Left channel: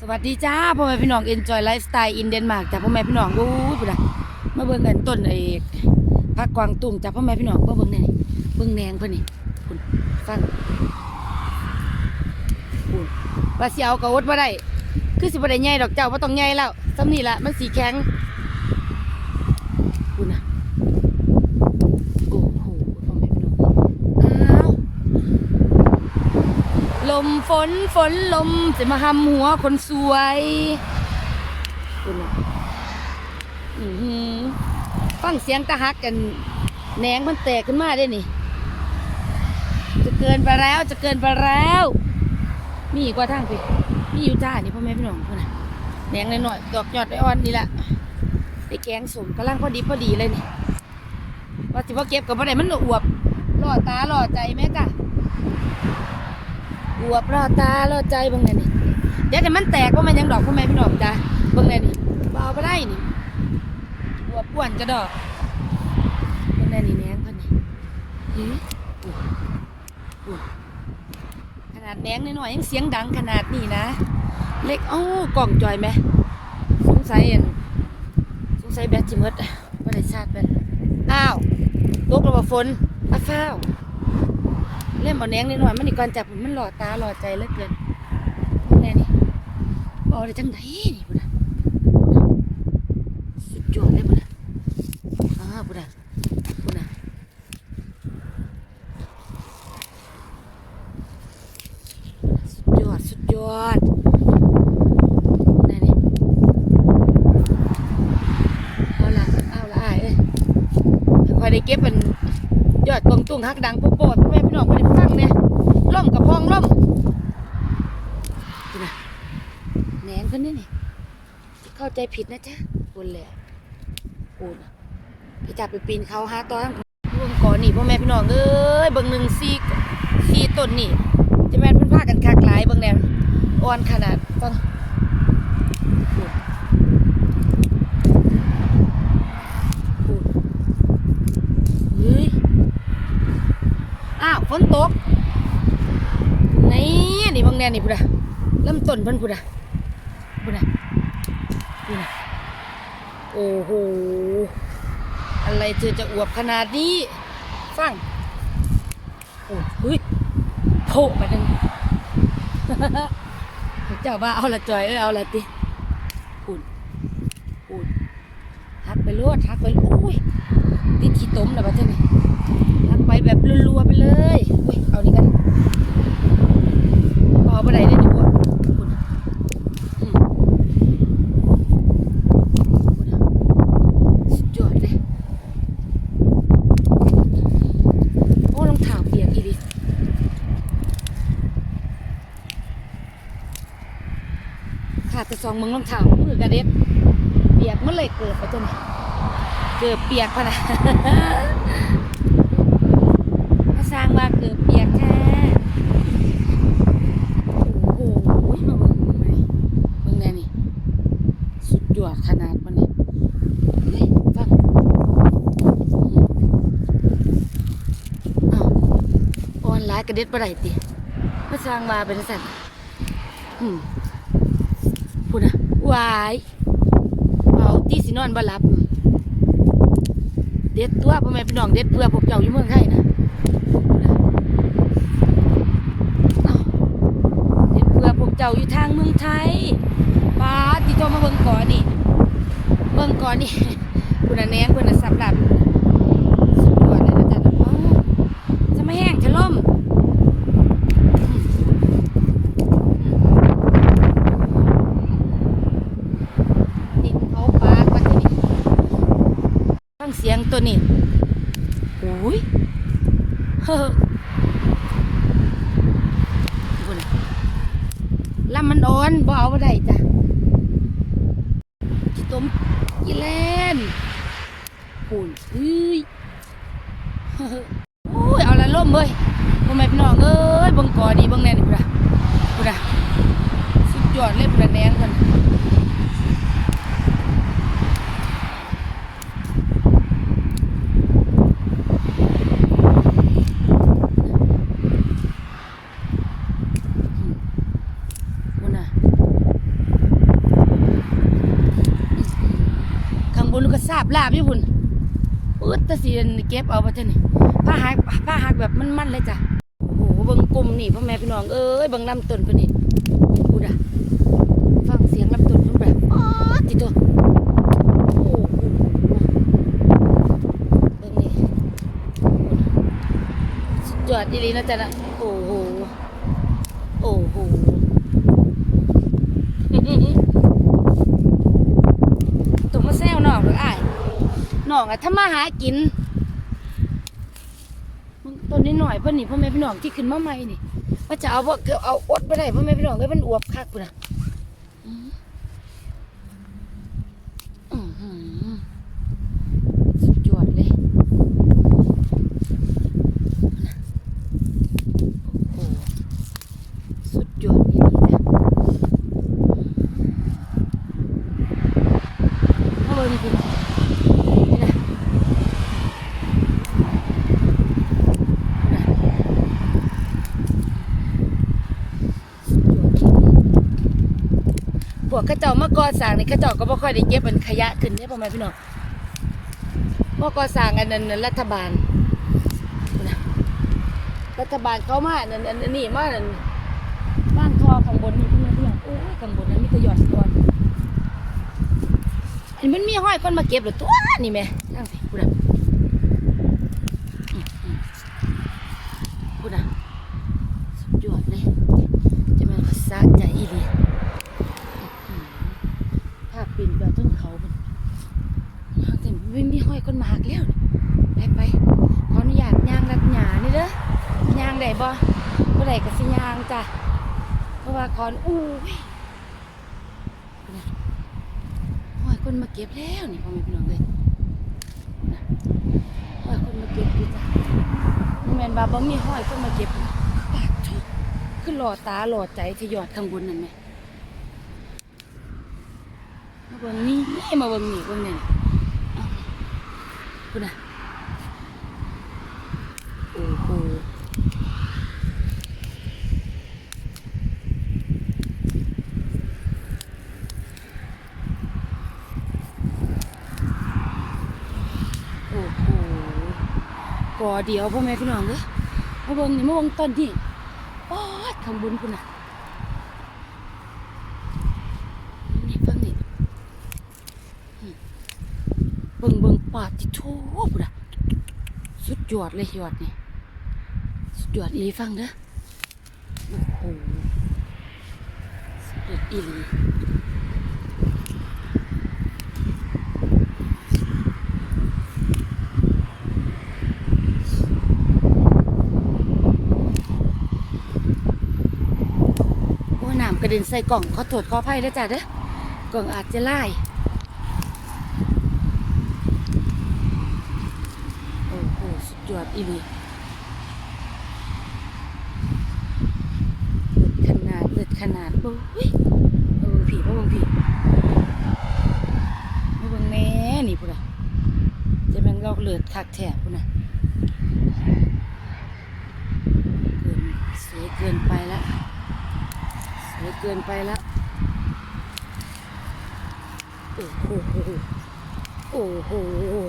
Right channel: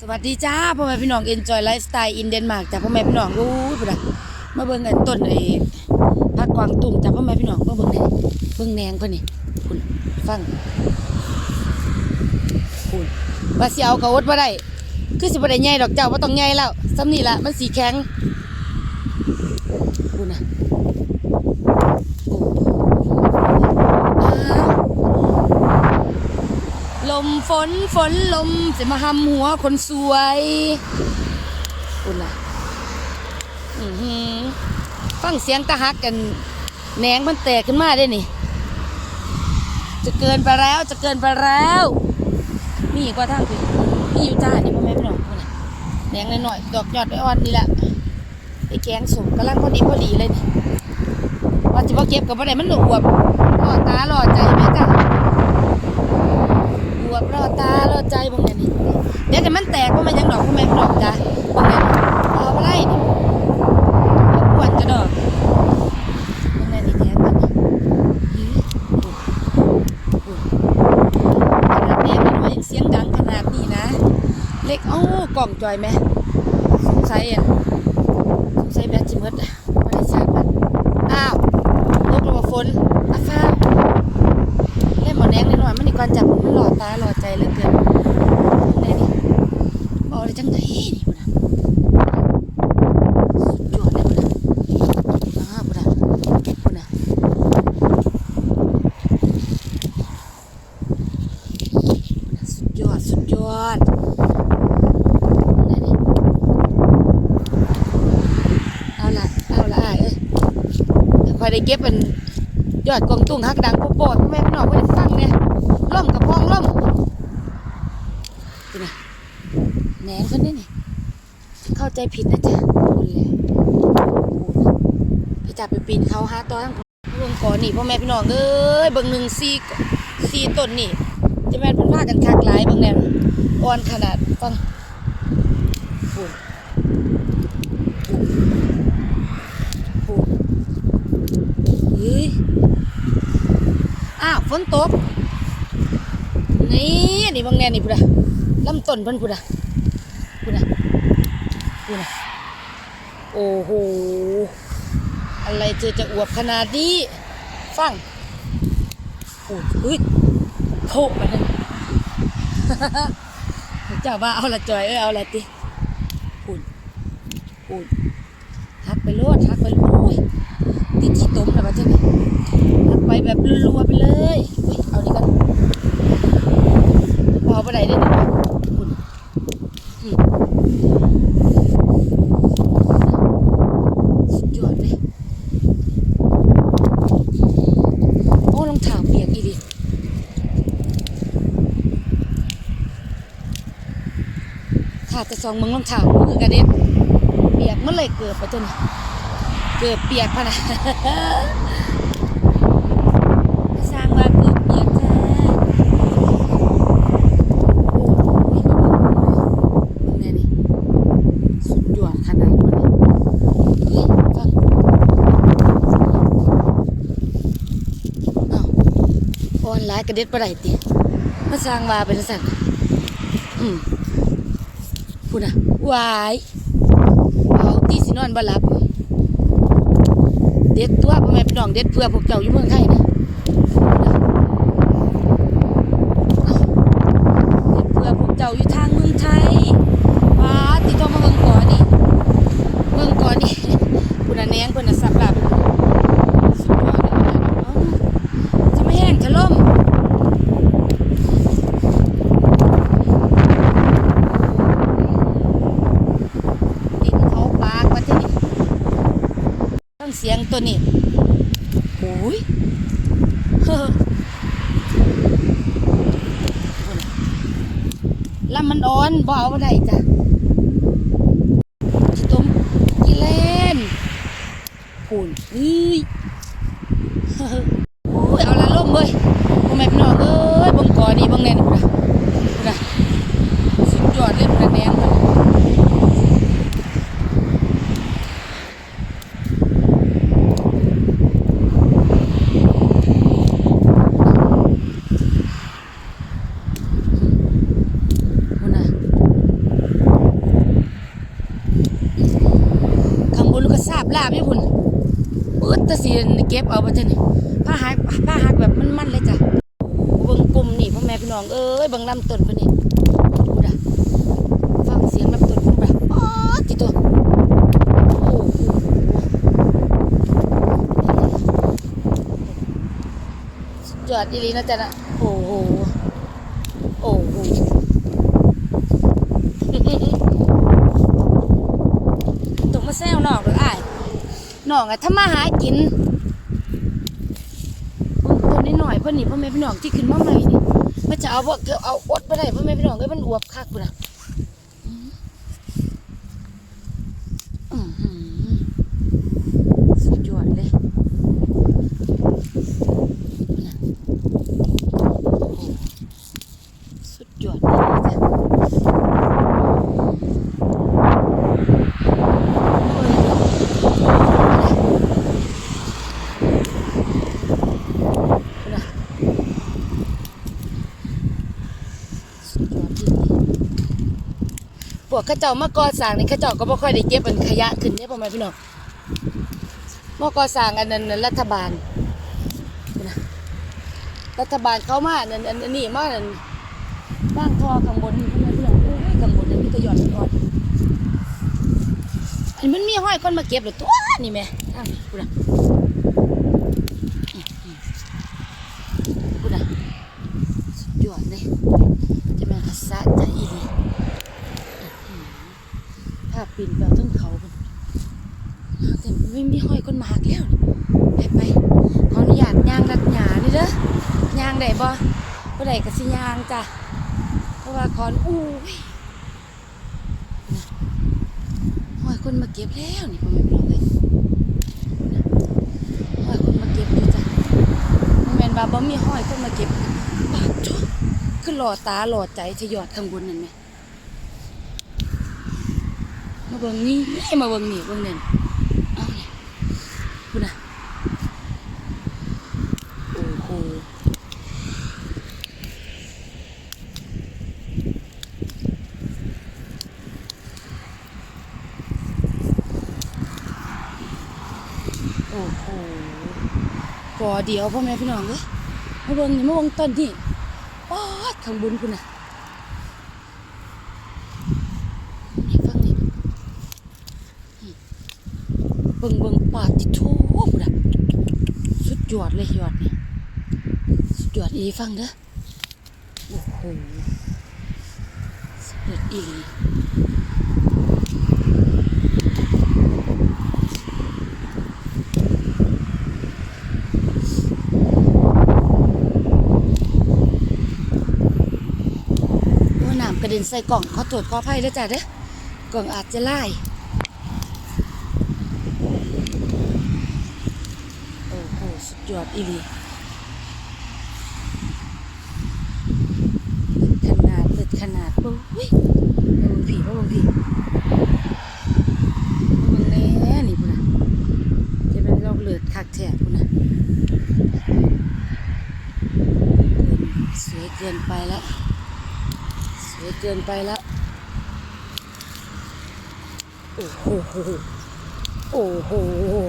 สวัสดีจ้าพ่อแม่พี่น้อง Enjoy Lifestyle in Denmark จ้าพ่อแม่พี่น้องโอ้ยพุ่นน่ะมาเบิ่งกันต้นไอ้ผักกวางตุ้งจ้าพ่อแม่พี่น้องมาเบิ่งได้เบิ่งแหนงเพิ่นนี่พุ่นฟังพุ่นว่าสิเอากระอดบ่ได้ คือสิบ่ได้ใหญ่ดอกเจ้าบ่ต้องใหญ่แล้วซ้ำนี่ละมันสีแข็งพุ่นน่ะโอ้อ้าว ลมฝนฝนลมจะมาหำหัวคนสวยอุ่นล่ะอือหือฟังเสียงตะฮักกันแหนงมันแตกขึ้นมาได้นี่ จะเกินไปแล้วจะเกินไปแล้ว มีอีกว่าทางพี่มีอยู่จ้านี่พ่อแม่พี่น้องพ่นน่ะแหนงหน้อยๆดอกยอดอ่อนนี่แหละไอ้แกงสมกำลังพอดีพอดีเลยนี่ว่าสิบ่เก็บกับบ่ได้มันหนอวบหล่อตาหล่อใจแม่จ้ะ วบรอตารอใจบางไงนี่เดี๋ยวแต่มันแตกว่ามันยังดอกว่ามันดอกจ้ะบางไงนี่เอาไปไล่นี่บวบอ้วนกระดอกบางไงนี่แนงมันนี่ยื้อปุ่นปุ่นขนาดแหนงมันหน่อยยังเสียงดังขนาดนี้นะ เล็กเอ้ากล่องจอยไหมสงสัยอะสงสัยแบตจิมดอะว่ได้ชาร์จมันอ้าวตกระบฝนอ้าว เล่นหมอแนงนิดหน่อยมันนี่ก่อนจับมันหล่อตาหล่อใจเลือเกินแน่นี่บอกเลยจังไหนนี่บุญนะสุดยอดเลยบุญนะอ้าบุญนะบุญนะสุดยอดสุดยอดเอาละเอาละอ้เอ้ยคอยได้เก็บเป็น ยอดกองตุ้งฮักดังโปโปดแม่พี่น้องไม่ได้ฟังเนี่ยล่มกับพองล่มนะแหนนคนนี้นี่เข้าใจผิดนะจ๊ะคนแหละโอ้ยไปจับไปปีนเขาหาตอนทั้งเบิ่งก่อนนี่พ่อแม่พี่น้องเอ้ยเบิ่งหนึ่งสี่สี่ต้นนี่จะแม่นพิ่นพากันคักหลายเบิ่งแนวอ่อนขนาดฟังปูนปูนเฮ้ย อ้าวฝ นตกนี่นี่บางแนนนี่พุดะลำต้นเพิ่นพุดะพุดะพุดะโอ้โหอะไรเธอจะอวบขนาดนี้ฟังโอ้ยเฮ้ยโผล่ไปนั่นเจ้าว่าเอาละจอยเอ้ยเอาละติปุ่นปุ่น หักไปโลดหักไปโอ้ยติดขี้ต้มแล้วปะเจ้านี่หักไปแบบรัวๆไปเลยอุ้ยเอานี่กันพอไปไหนได้ดีคุณสุดยอดเลยโอ้รองเท้าเปียกอีดิขาแต่ซองมึงรองเท้ามือกระเด็บเปียกเมื่อเลยเกิดไปจนเกิดเปียกพะนะก็สร้างว่าเกิดเปียกแท้โอ้ยมาเบิ่งเบิ่งเลยเบิ่งแน่นี่สุดยอดขนาดวันนี้ฟังอ้าวออนไลน์กระเด็ดปะไรติมาสร้างว่าเป็นสัตว์อืมพูดนะวาย ตีสินอนบ่หลับ เด็ดตัวพ่อแม่พี่น้องเด็ดเพื่อพวกเจ้าอยู่เมืองไทยนะเด็ดเพื่อพวกเจ้าอยู่ทางเมืองไทยป้าติดต่อมาเมืองก่อนนี่เมืองก่อนนี่คุณน่ะแนงเพิ่นน่ะสับหลับสุดยอดเลยนะเอ้าจะไม่แห้งจะล่มดินเขาปากว่าที่นี่ฟังเสียงตัวนี้โอ้ยเฮ้อพูนะลำมันอ่อนบ่เอาบ่ได้จ้ะตุ้มที่เล่นพูนเฮ้ยโอ้ยเอาละล่มเว้ยพ่อแม่พี่น้องเอ้ยบังกอดีบังแน่นพูนะพูนะสุดยอดเลยพูดนะแนงกันพูดนะ สาบลาบนี่พุ่นปืดตะสีเก็บเอาบ่จ้ะนี่ผ้าหักผ้าหักแบบมันๆเลยจ้ะโอ้โหเบิ่งปุ่มนี่พ่อแม่พี่น้องเอ้ยเบิ่งลำต้นพิ่นี่พูดอะฟังเสียงลำต้นพิ่นแบบอ๋อติโตโอ้โหสุดอดอีหลีนะจ๊ะนะโอ้โห ตรงมาแซวนอกหรืออ้าย นองอะถ้ามาหากินตัวนี้หน่อยเพื่อนนี่พ่อแม่พี่น้องที่ขึ้นมาใหม่นี่มันจะเอาบ่เกือบเอาอดไปได้พ่อแม่พี่น้องก็มันอวบคักปุ่นนะอื้อหือสุดยอดเลยนะโอ้โหสุดยอดเลยจ้ะ เอาเลยนะสุดยอดพ วกข้าเจ้ามาก่อสร้างนี่ข้าเจ้าก็บ่ค่อยได้เก็บมันขยะขึ้นได้ประมาณพี่น้องมาก่อสร้างอันนั้นรัฐบาลนะรัฐบาลเขามาอันนั้นอันนี้มาอันบ้างท่อข้างบนนี่พี่น้องโอ้ยข้างบนนั้นมีแต่หย่อนก่อนอันมันมีห้อยคนมาเก็บหรือตัวนี่แม่อ้าวนี่พูดอะอืมอืมพูดอะสุดยอดเลยจะแม่นกระซะใจอีดีอื้อหือภาพ ปีนไปต้นเขาคนหากแต่ไม่มีห้อยคนมาหักแล้วไปไปขออนุญาตย่างรัดหยานี่เด้อย่างได้บ่บ่ได้ก็สิย่างจ้ะเพราะว่าคอนอู้ยห้อยคนมาเก็บแล้วนี่พ่อแม่พี่น้องเลยพูดนห้อยคนมาเก็บอยู่จ้ะมันแมนว่าบ่มีห้อยคนมาเก็บปากจ้อคือหล่อตาหล่อใจจะยอดข้างบนนั่นไหมมาเบิ่งนี่นี่มาเบิ่งนี่เบิ่งนี่เอาเนี่ยพูดนะโอ้โหโอ้โหก่อเดียวพ่อแม่พี่น้องเลยมาเบิ่งนี่มาเบิ่งต้นนี่ป๊อดข้างบนคุณน่ะนี่ฟังนี่นี่เบิ่งเบิ่งปาดที่โถพุ่นน่ะสุดยอดเลยยอดนี่สุดยอดอีฟังเด้อโอ้โหสุดยอดอีน้ำกระเด็นใส่กล่องขอตรวจขออภัยแล้วจ้ะเด้อกล่องอาจจะไล่ อ้โหสุดยอดอีหลีขนาดเลือดขนาดโอ้ยมาเบิ่งผีมาเบิ่งผีมาเบิ่งแน่นี่พุ่นนะจะแม่นเราเลือดคักแท้พุ่นนะเกินสวยเกินไปแล้วสวยเกินไปแล้วโอ้โหโอ้โห อื้อหือ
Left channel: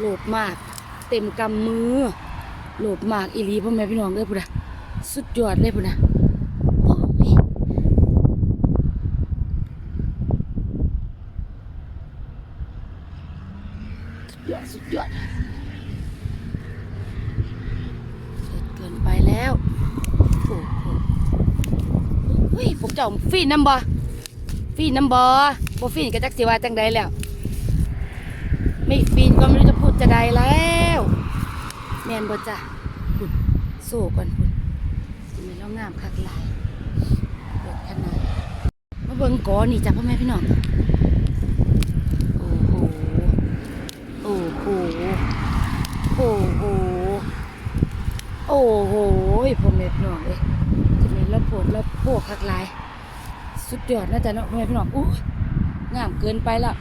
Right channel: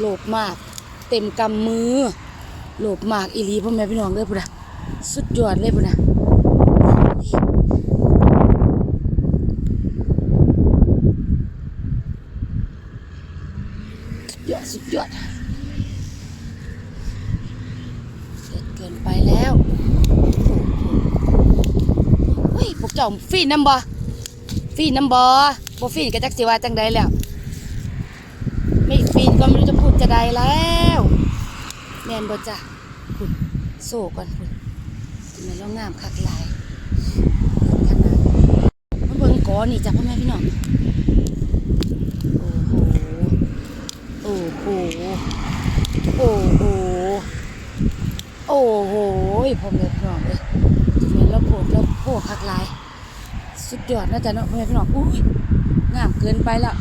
โลภมาก เต็มกำมือ โลภมากอีหลีพ่อแม่พี่น้องเลยพุ่นนะสุดยอดเลยพุ่นนะสุดยอดสุดยอดเกินเกินไปแล้วโอ้โหเฮ้ยพวกเจ้าฟีนน้ำบอฟีนน้ำบอบ่ฟีนก็จักสิว่าจังใดแล้ว ไม่ฟีนก็ไม่รู้จะพูดจะใดแล้วแมนบ่จ้ะพุ่นโซ่ก่อนพุ่นจะไม่นแล้วงามคักหลายขนาดมาเบิ่งกอนี่จ้ะพ่อแม่พี่น้องโอ้โหโอ้โหโอ้โหโอ้โหพ่อแม่พี่น้องเลยจะเป็นแล้วโพดแล้วโพกคักหลาย สุดยอดนะจ๊ะเนาะพ่อแม่พี่น้องอุ้ยงามเกินไปแล้ว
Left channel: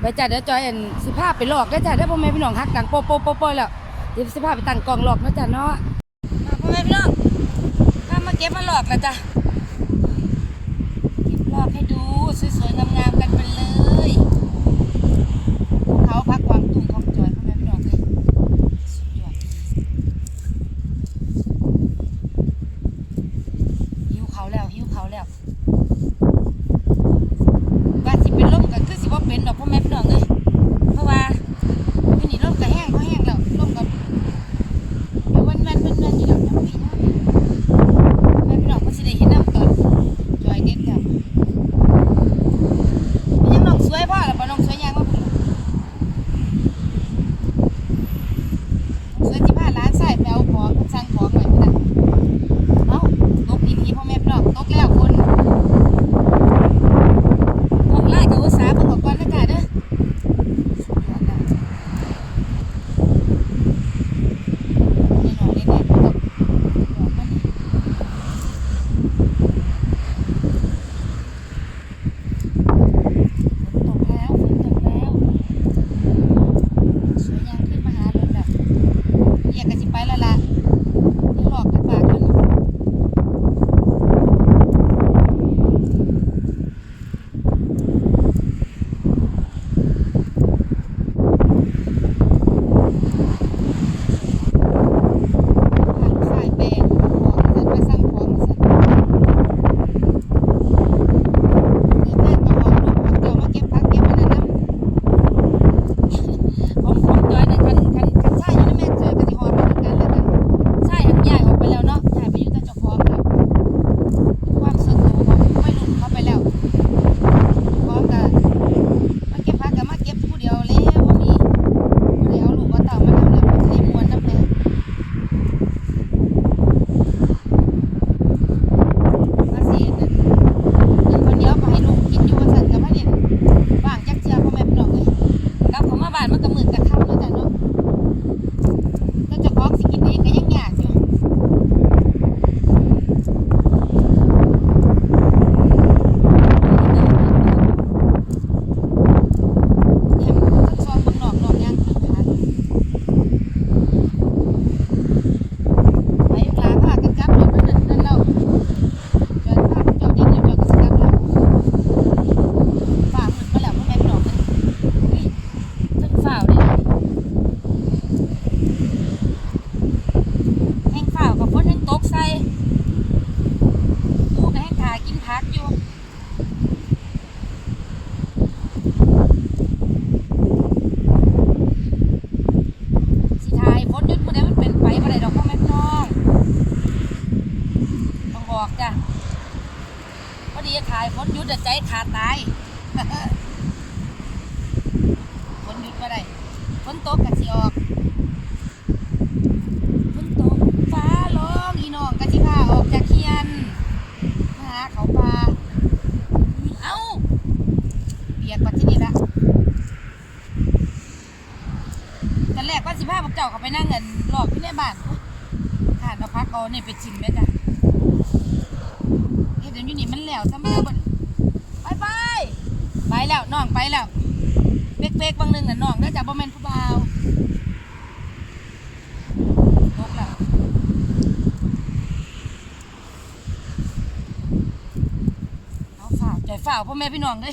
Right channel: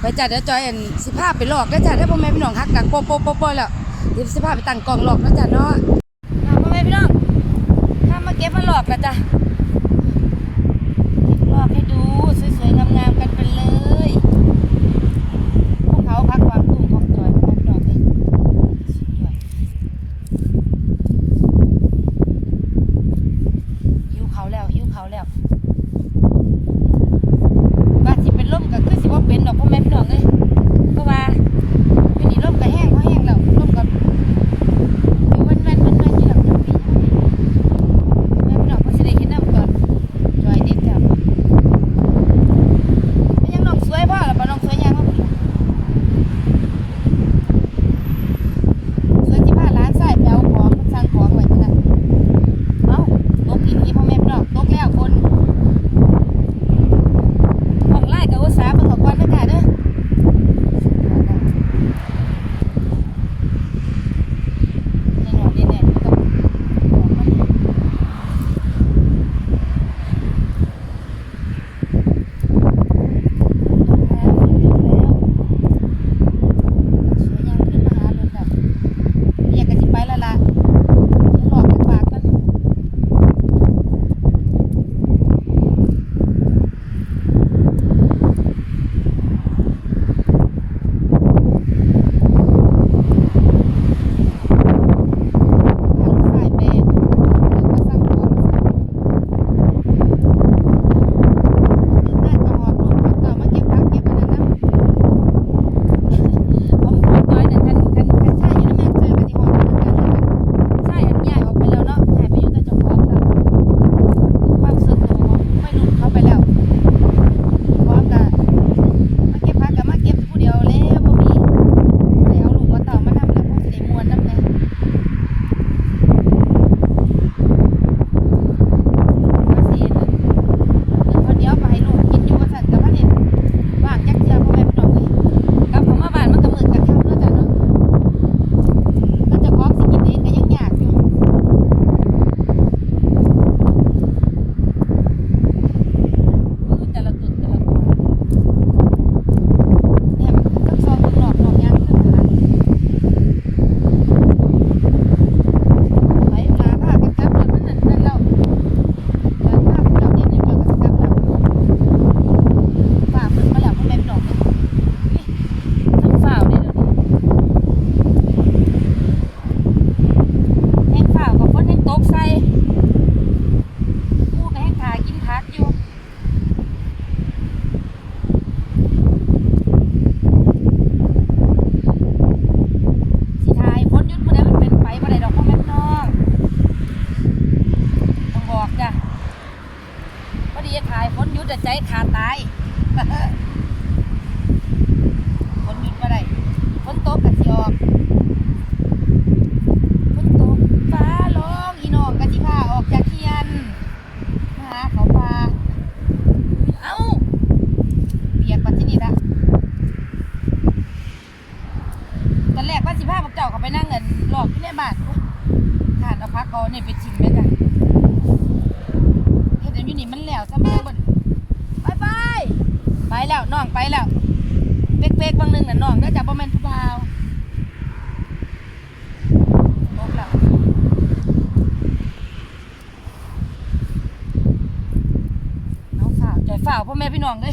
ไปจัดแล้วจอยเอ็นสิภาพไปหลอกแล้จัดได้พ่อแม่พี่น้องฮักดังโป๊ะโป๊ะโป๊ะโป๊ะแล้วเดี๋ยวสิภาพไปตั้งกล่องหลอกนะจัดเนาะพ่อแม่พี่น้องถ้ามาเก็บมาหลอกแล้วจ้ะหลอกให้ดูสวยๆงามๆ ฝนหยุดมาได้ฝนตกกันสิออกฝนตกฟ้าร้องอีน้องกะนสิพาออกจากเคียนมาหาเขาปลาเอ้าเบียดปัดที่นี่ละตอนแรกปัดสิพาพวกเจ้าเขาไปนั่งเงินหลอกที่แม่บ้านผ่านเราพักเอาเนี่ยไปชิมด้วยกันเห็นอยู่นี่มันแล้วซะมันบนบายบ ไปแล้วน้องไปแล้วเปกๆบางนึงน่ะน้องเด้อจ้ะบ่แม่นผู้บ่าวตกแล้วเอาฝ่าใจฝ่าพ่อแม่พี่น้องเด้อ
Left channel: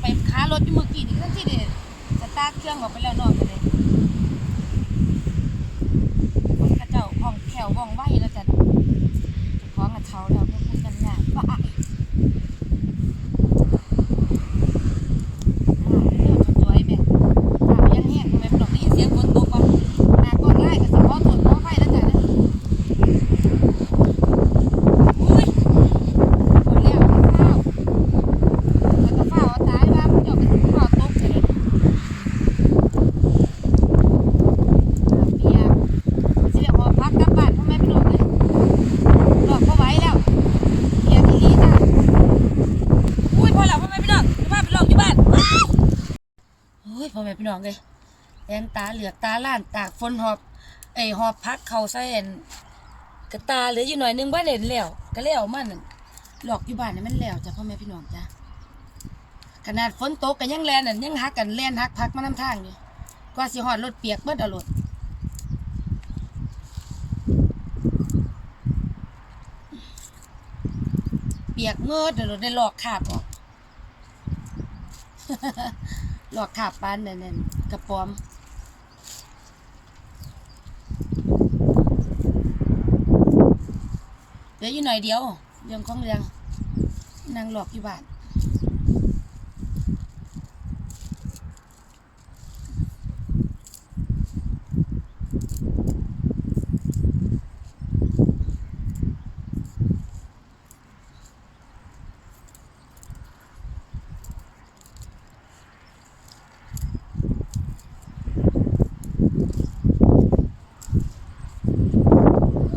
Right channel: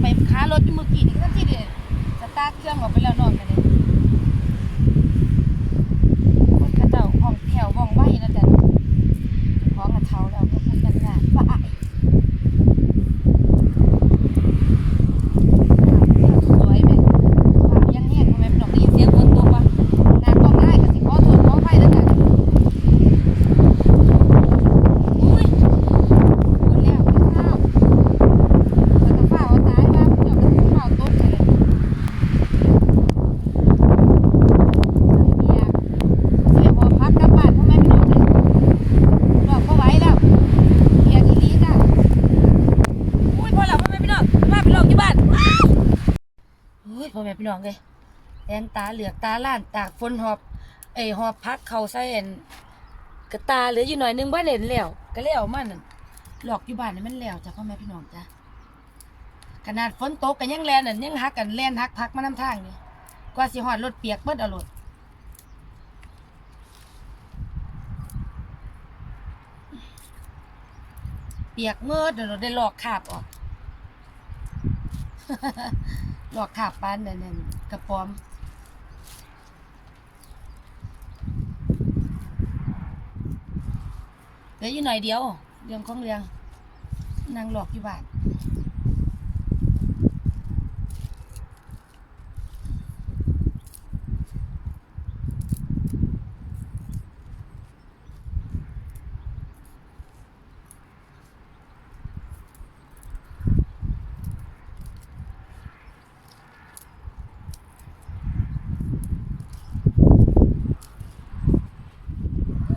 ไปค้ารถเมื่อกี้นี่ก็ที่เด็ดะตากเครื่องออกไปแล้วนอก น้องเลยแอนตาเหลือตาล้านตากฝนหอบไอหอบพักเขาใส่แอนกระตาเหลืออยู่หน่อยนึงบ้านเห็นแล้วก็แล้วมันหลอกอยู่บ้านนี่มันแล้วจ้ะพ่อแม่พี่น้องจ้ะขนาดฝนตกกันยังแลนยังฮักกันแลนฮักพักมาน้ำทางอยู่กว่าสิหอดรถเปียกเบิดเอารถเปียกเมื่อเดี๋ยได้หลอกขาบออก ลอกขาบปานนั่นนั่นกระป๋อมเหลืออยู่หน่อยเดียวเรื่องของเรื่องนางหลอกอยู่บ้าน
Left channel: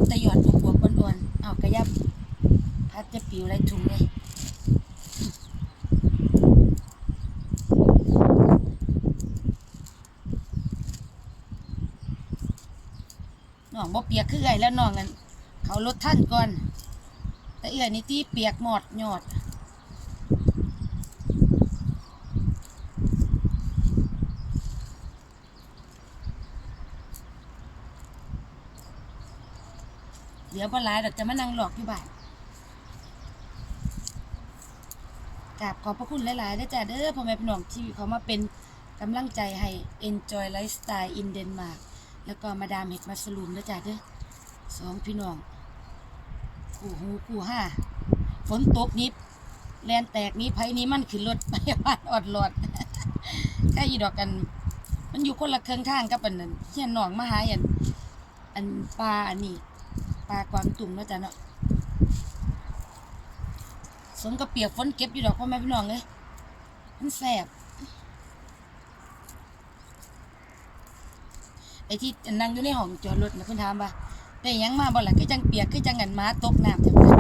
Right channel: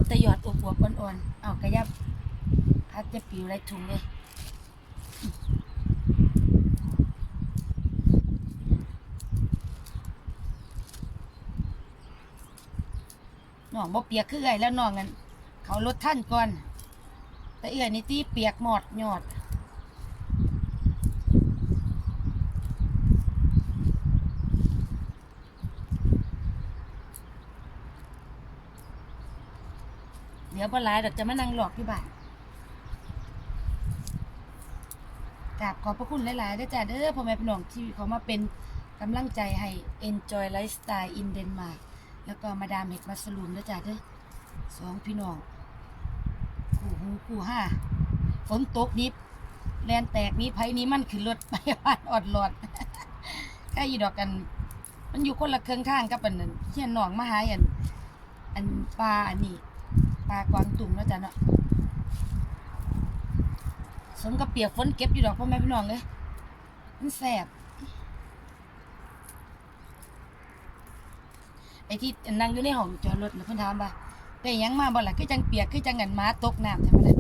แต่หยอดบวบๆอ่อนๆเอากระยับ พัดจะปิวไรถุงเลยน้องบ่เปียกคือไงแล้วน้องกันเขาลดท่านก่อน แต่เอื้อนี่ที่เปียกหมอดหยอดเดี๋ยวพอหลเราจะมานั่งหลอกที่บ้าน กราบขอบพระคุณหลายๆด้วยจ้ะเด้อพ่อแม่พี่น้องที่เขามาเป็นกำลังใจให้ enjoy lifestyle in Denmark แล้วก็มาดามเห็ดมัสลูมด้วยจ้ะเด้อสองพี่น้องคู่หูคู่ห้าฝนตกนิบแลนแตกนี้ไผนี้มันขึ้นรถไปบ้านอดหลอดใกล้ยีดอกกัน มันอยู่คนละเครื่องทางกับอันนั้นเฮียนหนองมหาอันอันปลาอันนี้ปลากวางตุ่มเนาะจ้ะเนาะ สมกับเปียกฝนเก็บอยู่ดอกพ่อแม่พี่น้องเลยมันแสบไอ้ที่นั่งอยู่ในห้องจอดรถนะเพิ่นถามว่าได้ยังมาบ่ล่ะคือจังเปียกคือจังกันมาตกน้ำจังนั้น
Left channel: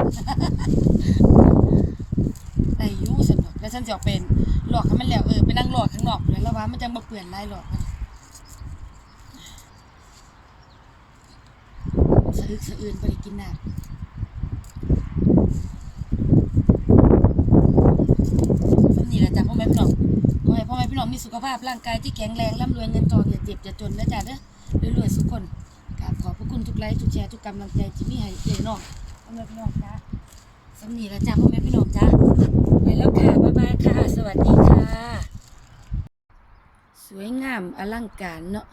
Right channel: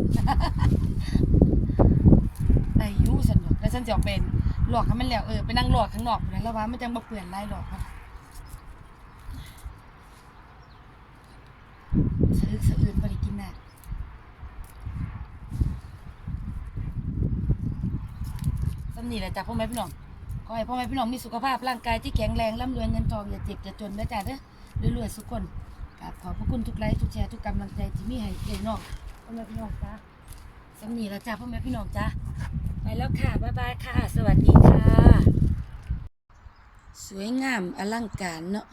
อายุสนุกแล้วฉันจะเป็นหลอกให้มันแล้วเออไปนั่งหลอกข้างนอกพุ่นนะแล้วว่ามันจังบ่เปื่อนไลายหลอกมันสะอึกสะอื่นได้กินน้ำ สำนีแหละจ้ะพ่อแม่พี่น้องขอให้พ่อแม่พี่น้องมีสุขภาพร่างกายที่แข็งแรงร่ำรวยเงินทองอย่าเจ็บอย่าจนนะจ๊ะเด้อรวยๆสุขคนกราบขอบพระคุณทุกไลค์ทุกแชร์ทุกกำลังใจที่มีให้เจ๊น้องพ่อแม่พี่น้องจ้าสำนีแหละจ้ะพ่อแม่พี่น้องจ้าไปแล้วค่ะบ๊ายบายค่ะ สวัสดีค่ะ สวยงามอลังการเนาะ